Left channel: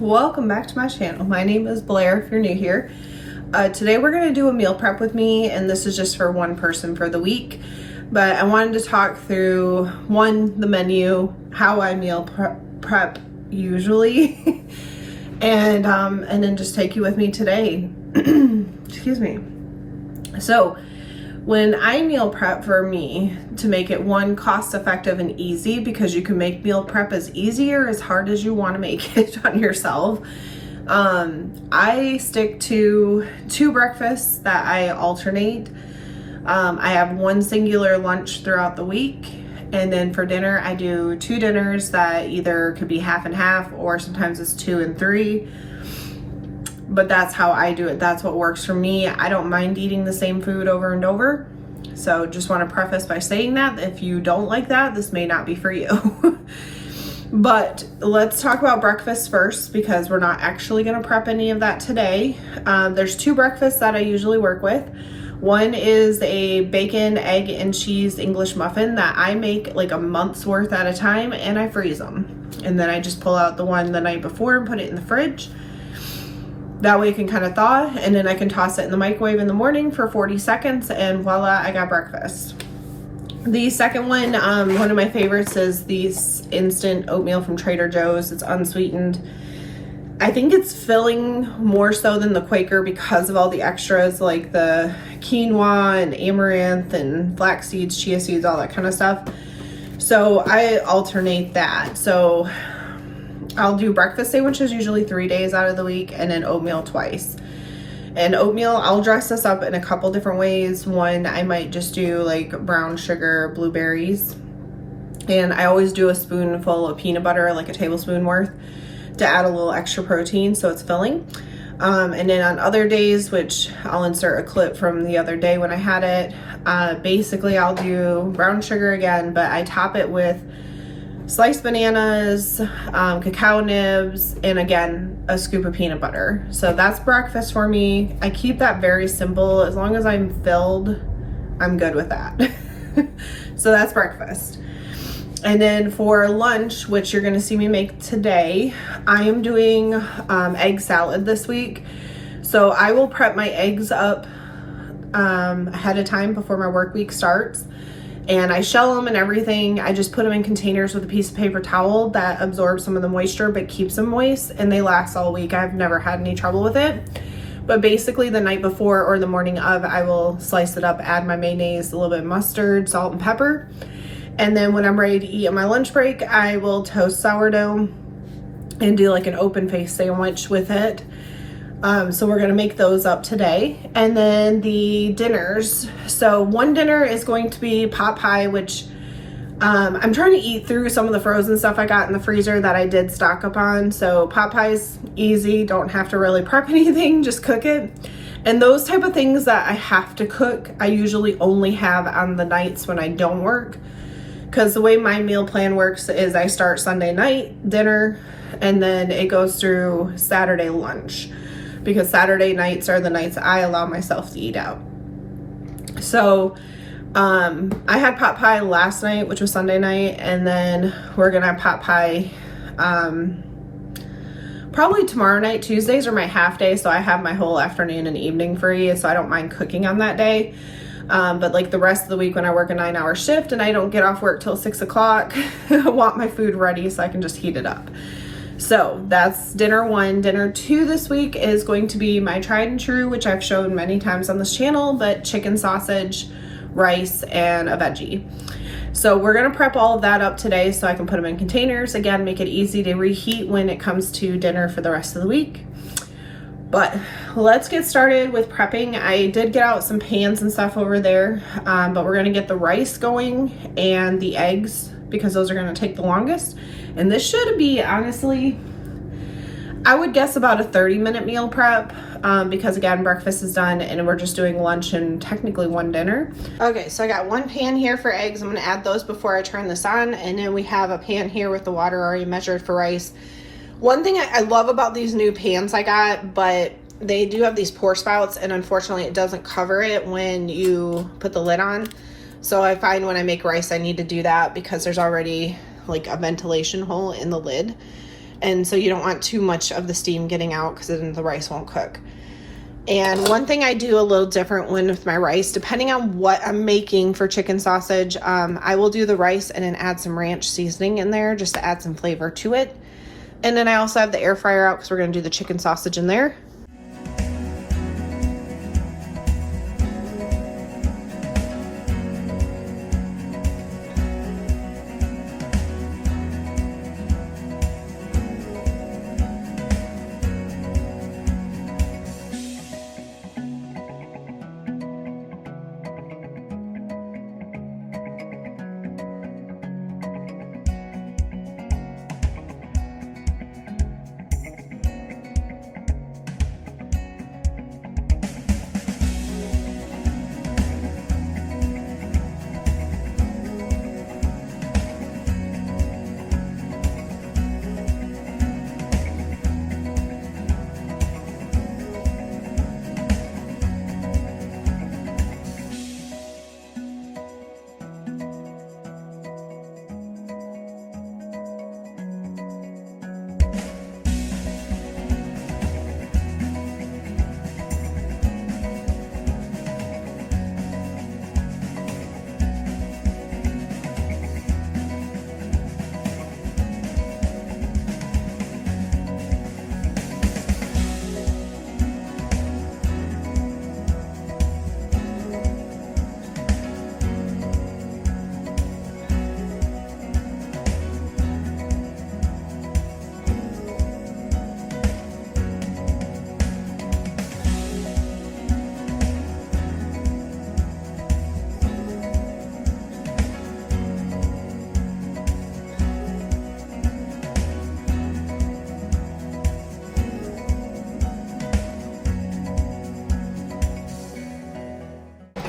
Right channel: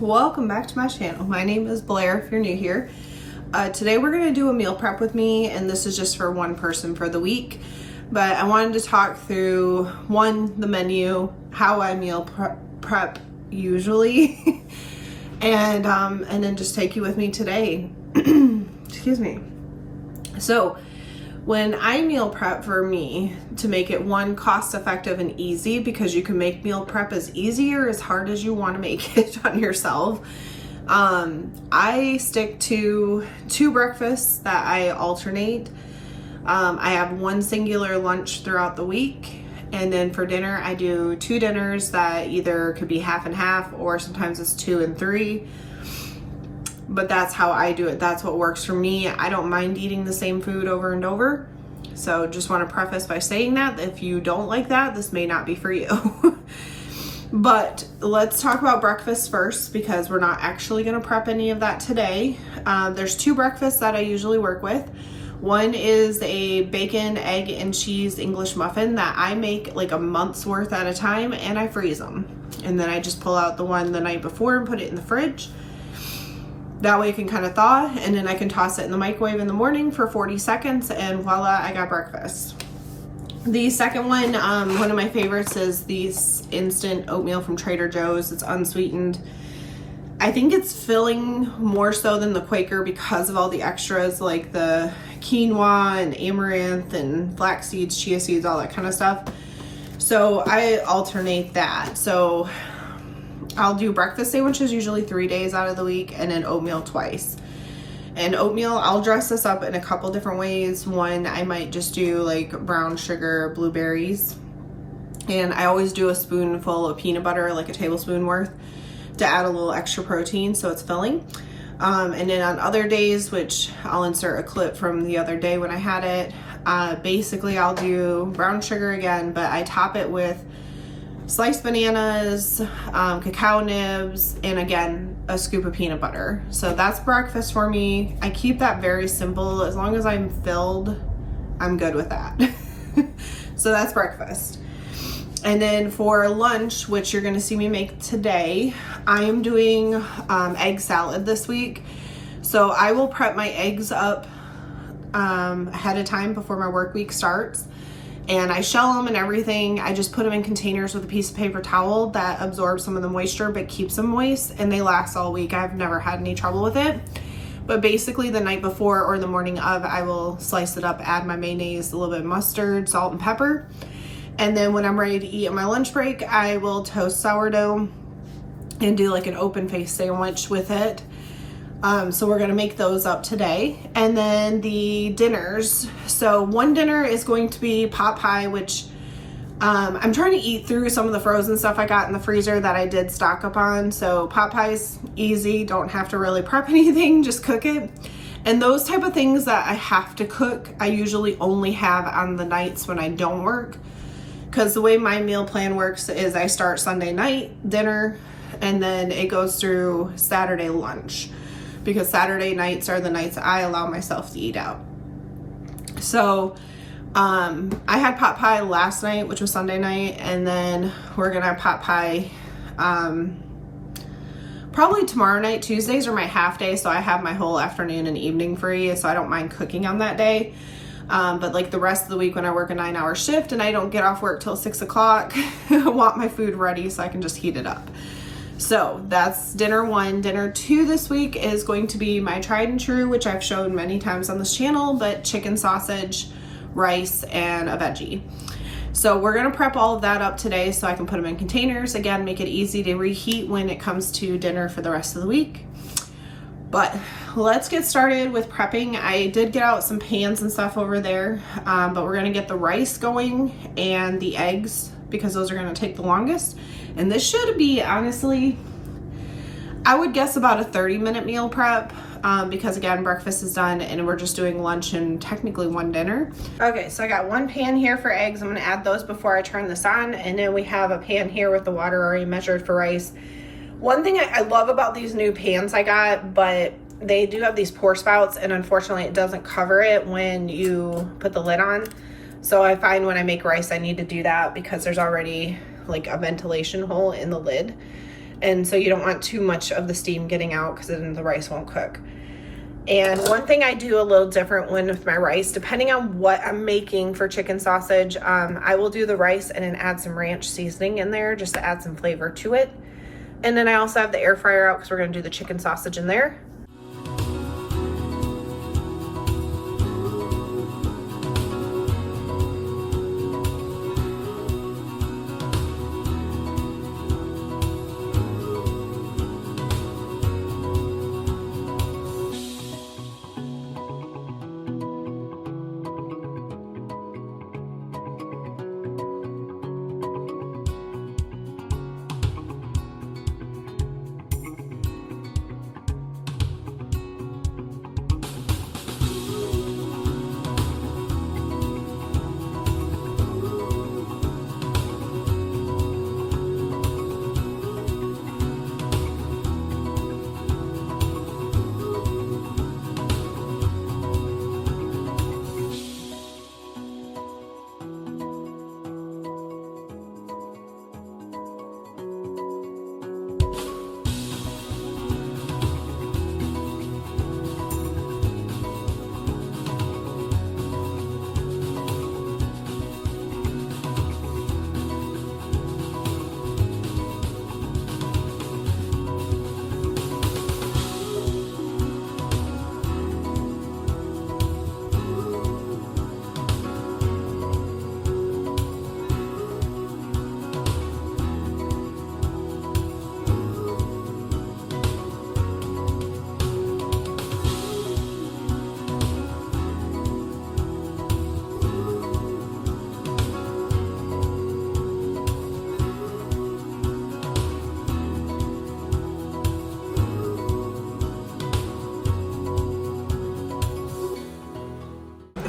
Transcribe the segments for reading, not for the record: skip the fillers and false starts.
Welcome back to my channel. My name is Blair if you're new here. Today we're going to do a meal prep with me, and this is just for one person for the week. But I wanted to talk through the menu, how I meal prep usually, and then just take you with me today. Excuse me. So when I meal prep for me, to make it cost effective and easy, because you can make meal prep as easy or as hard as you want to make it on yourself, I stick to 2 breakfasts that I alternate. I have one singular lunch throughout the week, and then for dinner I do 2 dinners that either could be half and half, or sometimes it's 2 and 3. But that's how I do it. That's what works for me. I don't mind eating the same food over and over. So just want to preface by saying that if you don't like that, this may not be for you. But let's talk about breakfast first, because we're not actually going to prep any of that today. There's 2 breakfasts that I usually work with. One is a bacon, egg, and cheese English muffin that I make like a month's worth at a time, and I freeze them. And then I just pull out the one the night before and put it in the fridge. That way it can kind of thaw, and then I can toss it in the microwave in the morning for 40 seconds, and voila, I got breakfast. The second one of my favorites is this instant oatmeal from Trader Joe's. It's unsweetened. I think it's filling more so than the Quaker because of all the extras like the quinoa and amaranth and flax seeds, chia seeds, all that kind of stuff. So I alternate that. So I'll do breakfast sandwiches usually 3 days out of the week, and then oatmeal twice. And oatmeal, I'll dress this up in a couple different ways. One, I might just do like brown sugar, blueberries. And I always do a spoonful of peanut butter, like a tablespoon worth, to add a little extra protein so it's filling. And then on other days, which I'll insert a clip from the other day when I had it, basically I'll do brown sugar again, but I top it with sliced bananas, cacao nibs, and again, a scoop of peanut butter. So that's breakfast for me. I keep that very simple. As long as I'm filled, I'm good with that. So that's breakfast. And then for lunch, which you're gonna see me make today, I am doing egg salad this week. So I will prep my eggs up ahead of time before my work week starts. And I shell them and everything. I just put them in containers with a piece of paper towel that absorbs some of the moisture but keeps them moist, and they last all week. I've never had any trouble with it. But basically the night before or the morning of, I will slice it up, add my mayonnaise, a little bit of mustard, salt, and pepper. And then when I'm ready to eat on my lunch break, I will toast sourdough and do like an open face sandwich with it. So we're gonna make those up today. And then the dinners. So one dinner is going to be pot pie, which I'm trying to eat through some of the frozen stuff I got in the freezer that I did stock up on. So pot pie's easy, don't have to really prep anything, just cook it. And those type of things that I have to cook, I usually only have on the nights when I don't work. Because the way my meal plan works is I start Sunday night dinner, and then it goes through Saturday lunch, because Saturday nights are the nights I allow myself to eat out. So I had pot pie last night, which was Sunday night, and then we're gonna have pot pie probably tomorrow night. Tuesdays are my half day, so I have my whole afternoon and evening free, so I don't mind cooking on that day. But like the rest of the week when I work a 9-hour shift and I don't get off work till 6 o'clock, I want my food ready so I can just heat it up. So that's dinner 1. Dinner 2 this week is going to be my tried and true, which I've shown many times on this channel, but chicken sausage, rice, and a veggie. So we're gonna prep all of that up today so I can put them in containers. Again, make it easy to reheat when it comes to dinner for the rest of the week. But let's get started with prepping. I did get out some pans and stuff over there, but we're gonna get the rice going and the eggs, because those are gonna take the longest. And this should be, honestly, I would guess about a 30-minute meal prep, because again, breakfast is done and we're just doing lunch and technically one dinner. Okay, so I got one pan here for eggs. I'm gonna add those before I turn this on. And then we have a pan here with the water already measured for rice. One thing I love about these new pans I got, but they do have these pour spouts, and unfortunately it doesn't cover it when you put the lid on. So I find when I make rice, I need to do that because there's already like a ventilation hole in the lid. And so you don't want too much of the steam getting out because then the rice won't cook. And one thing I do a little different with my rice, depending on what I'm making for chicken sausage, I will do the rice and then add some ranch seasoning in there just to add some flavor to it. And then I also have the air fryer out because we're gonna do the chicken sausage in there.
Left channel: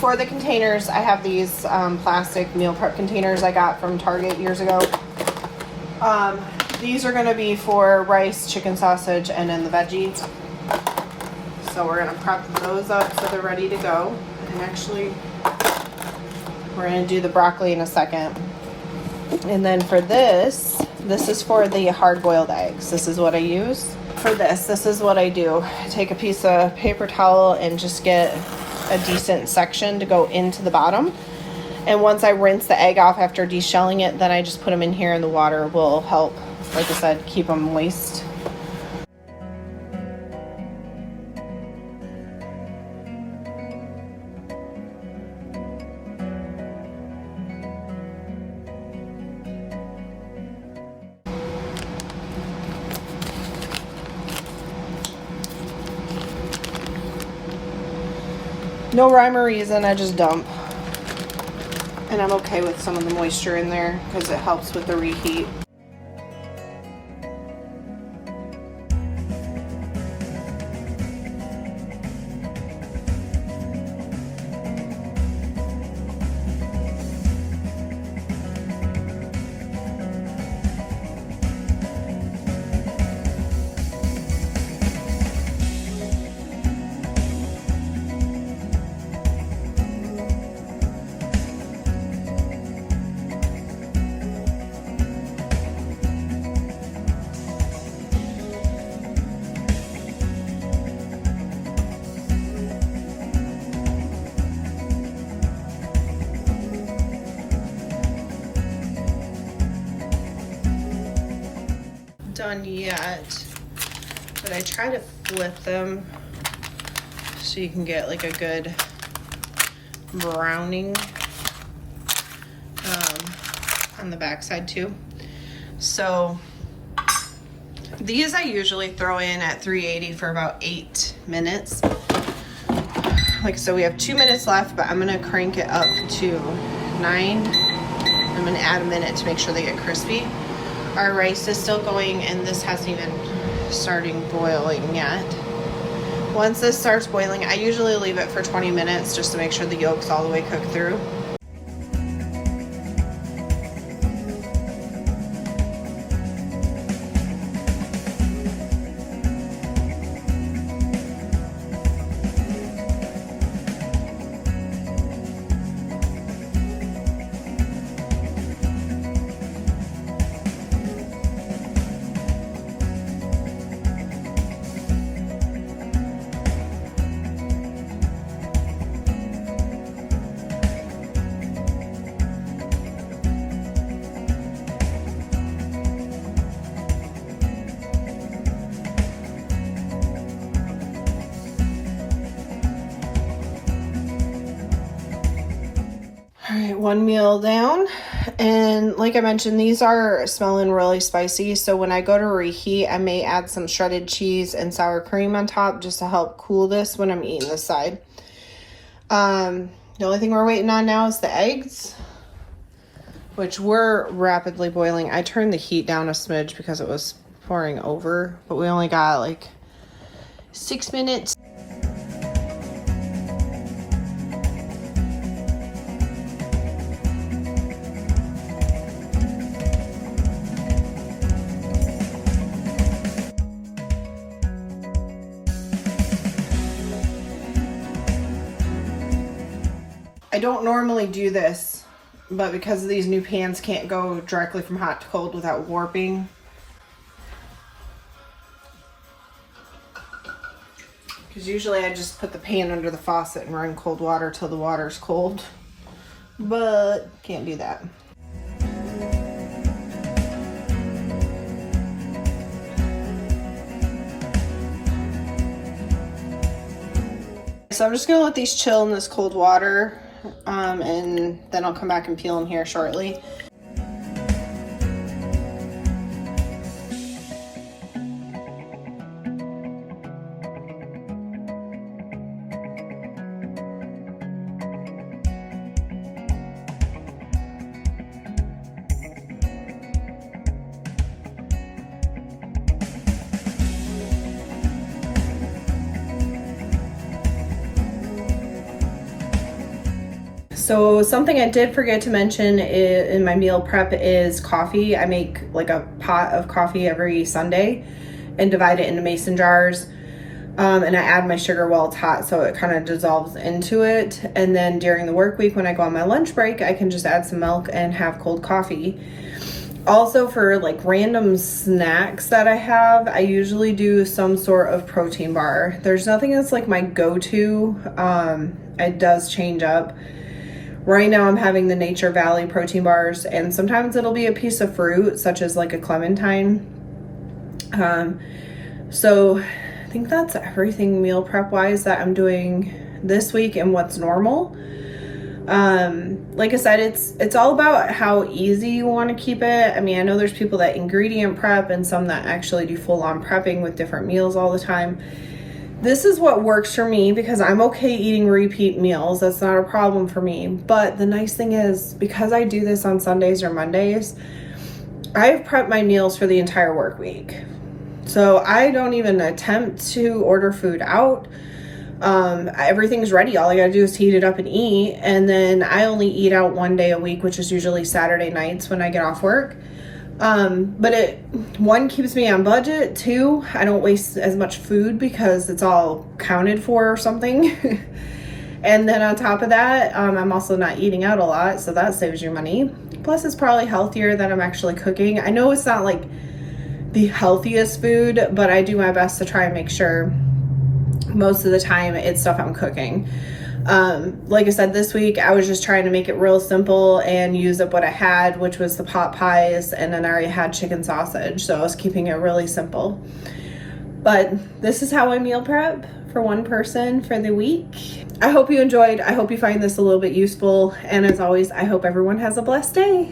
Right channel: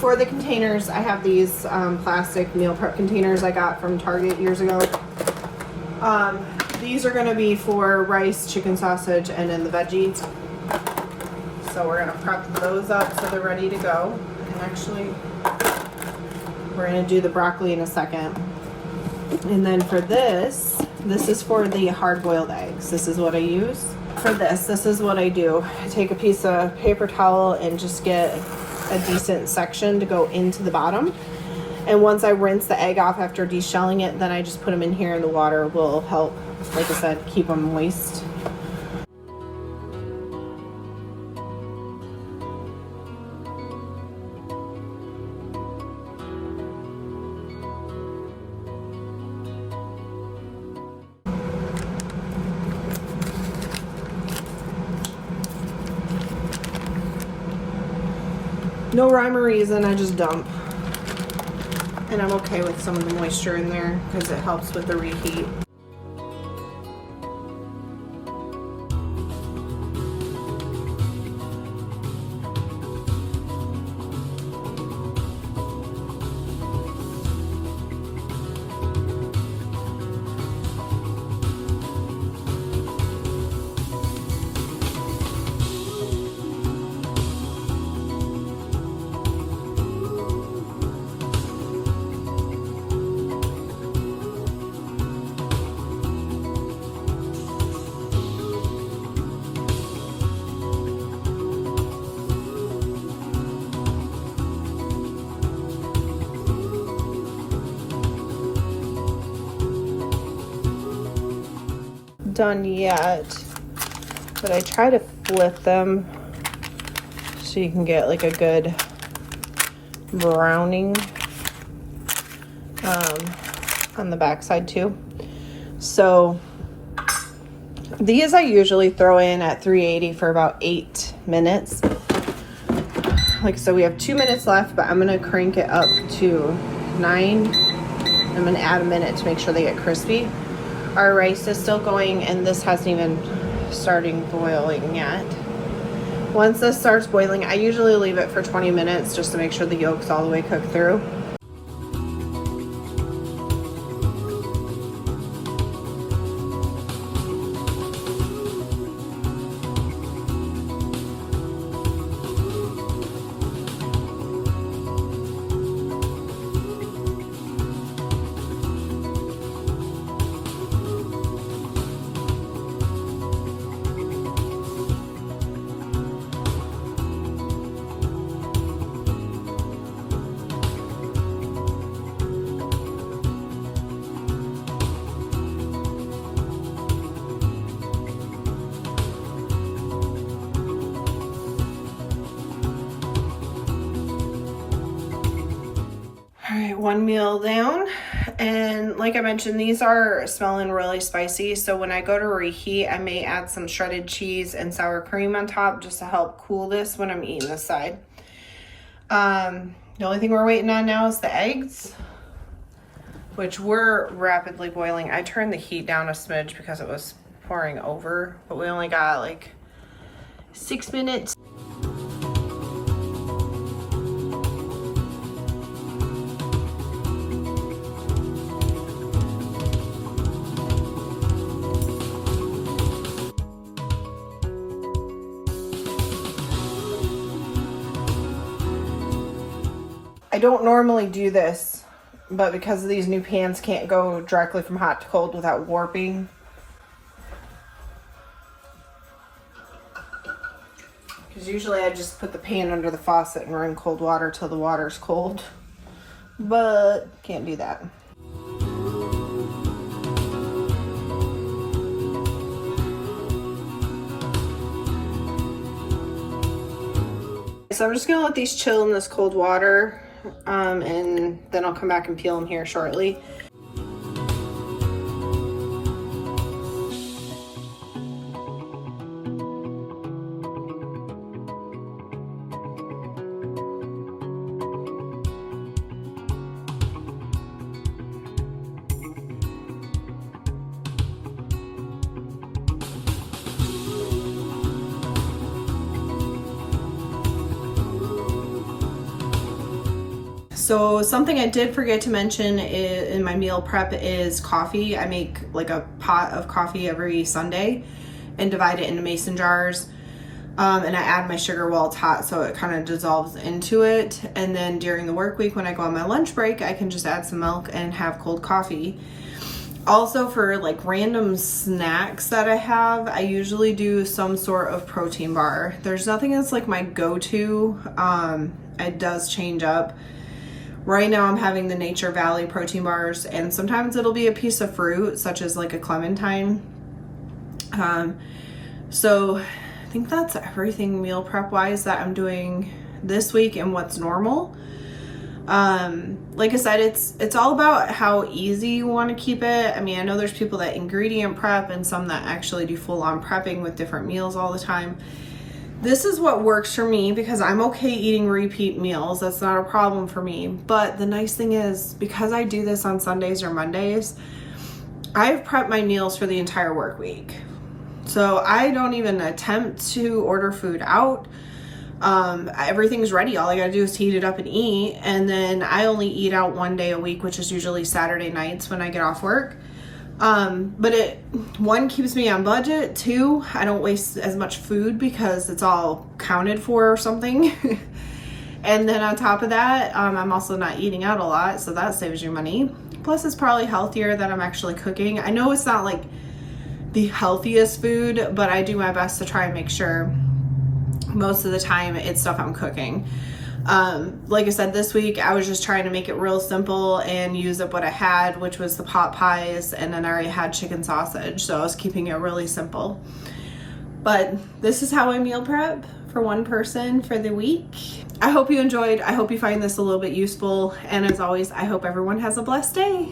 For the containers, I have these plastic meal prep containers I got from Target years ago. These are gonna be for rice, chicken sausage, and then the veggies. So we're gonna prep those up so they're ready to go. And actually, we're gonna do the broccoli in a second. And then for this is for the hard-boiled eggs. This is what I use. For this is what I do. I take a piece of paper towel and just get a decent section to go into the bottom. And once I rinse the egg off after deshelling it, then I just put them in here and the water will help, like I said, keep them moist. No rhyme or reason, I just dump. And I'm okay with some of the moisture in there because it helps with the reheat. Done yet, but I try to flip them so you can get like a good browning on the back side too. So these I usually throw in at 380 for about 8 minutes. Like, so we have 2 minutes left, but I'm gonna crank it up to 9. I'm gonna add a minute to make sure they get crispy. Our rice is still going and this hasn't even started boiling yet. Once this starts boiling, I usually leave it for 20 minutes just to make sure the yolk's all the way cooked through. right, one meal down. And like I mentioned, these are smelling really spicy. So when I go to reheat, I may add some shredded cheese and sour cream on top just to help cool this when I'm eating this side. The only thing we're waiting on now is the eggs, which were rapidly boiling. I turned the heat down a smidge because it was pouring over, but we only got like 6 minutes. I don't normally do this, but because of these new pans can't go directly from hot to cold without warping. Because usually I just put the pan under the faucet and run cold water till the water's cold, but can't do that. So I'm just gonna let these chill in this cold water. And then I'll come back and peel them here shortly. So something I did forget to mention in my meal prep is coffee. I make like a pot of coffee every Sunday and divide it into mason jars. And I add my sugar while it's hot so it kind of dissolves into it. And then during the work week when I go on my lunch break, I can just add some milk and have cold coffee. Also for like random snacks that I have, I usually do some sort of protein bar. There's nothing that's like my go-to. It does change up. Right now I'm having the Nature Valley protein bars, and sometimes it'll be a piece of fruit such as like a clementine. So I think that's everything meal prep wise that I'm doing this week and what's normal. Like I said, it's all about how easy you want to keep it. I mean, I know there's people that ingredient prep and some that actually do full on prepping with different meals all the time. This is what works for me because I'm okay eating repeat meals. That's not a problem for me. But the nice thing is, because I do this on Sundays or Mondays, I've prepped my meals for the entire work week. So I don't even attempt to order food out. Everything's ready. All I gotta do is heat it up and eat. And then I only eat out one day a week, which is usually Saturday nights when I get off work. But one, keeps me on budget. Two, I don't waste as much food because it's all counted for or something. And then on top of that, I'm also not eating out a lot, so that saves you money. Plus it's probably healthier that I'm actually cooking. I know it's not like the healthiest food, but I do my best to try and make sure most of the time it's stuff I'm cooking. Like I said, this week I was just trying to make it real simple and use up what I had, which was the pot pies, and then I already had chicken sausage, so I was keeping it really simple. But this is how I meal prep for one person for the week. I hope you enjoyed. I hope you find this a little bit useful, and as always, I hope everyone has a blessed day.